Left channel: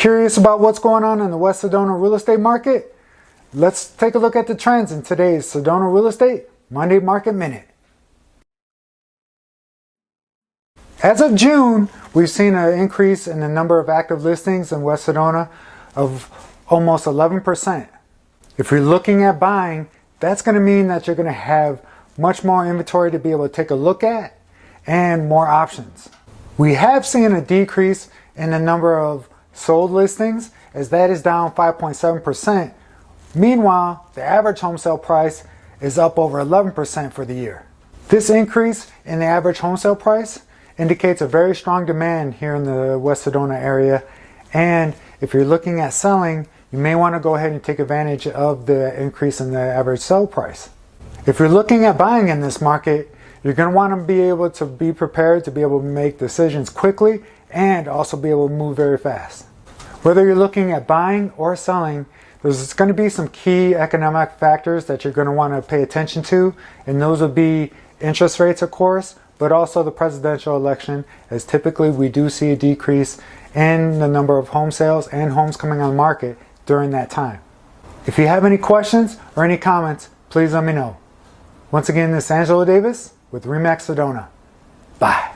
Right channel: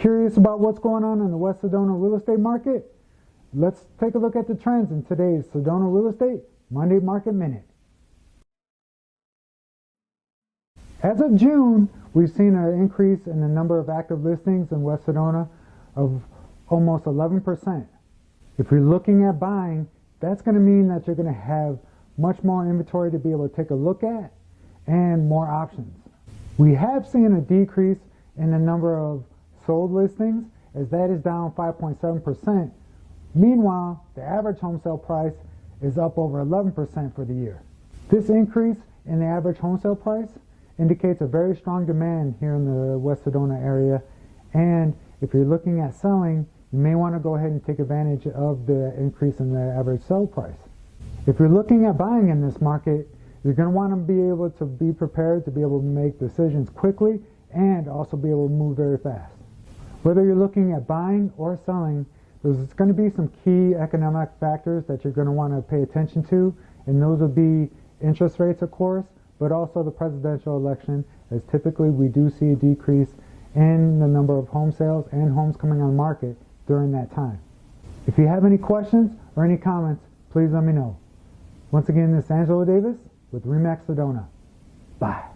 Curious about what's going on in the West Sedona real estate market? Let's take a look at the trends in today's Sedona Real Estate Monday Market Minute. As of June, we've seen an increase in the number of active listings in West Sedona of almost 11%. If you're looking at buying, that's going to mean that you're going to have much more inventory to be able to take a look at and more options. We have seen a decrease in the number of sold listings, as that is down 5.7%. Meanwhile, the average home sale price is up over 11% for the year. This increase in the average home sale price indicates a very strong demand here in the West Sedona area, and if you're looking at selling, you may want to go ahead and take advantage of the increase in the average sale price. If you're looking at buying in this market, you're going to want to be able to be prepared to be able to make decisions quickly and also be able to move very fast. Whether you're looking at buying or selling, there's going to be some key economic factors that you're going to want to pay attention to, and those would be interest rates, of course, but also the presidential election, as typically we do see a decrease in the number of home sales and homes coming on the market during that time. If you have any questions or any comments, please let me know. Once again, this is Angelo with RE/MAX Sedona. Bye.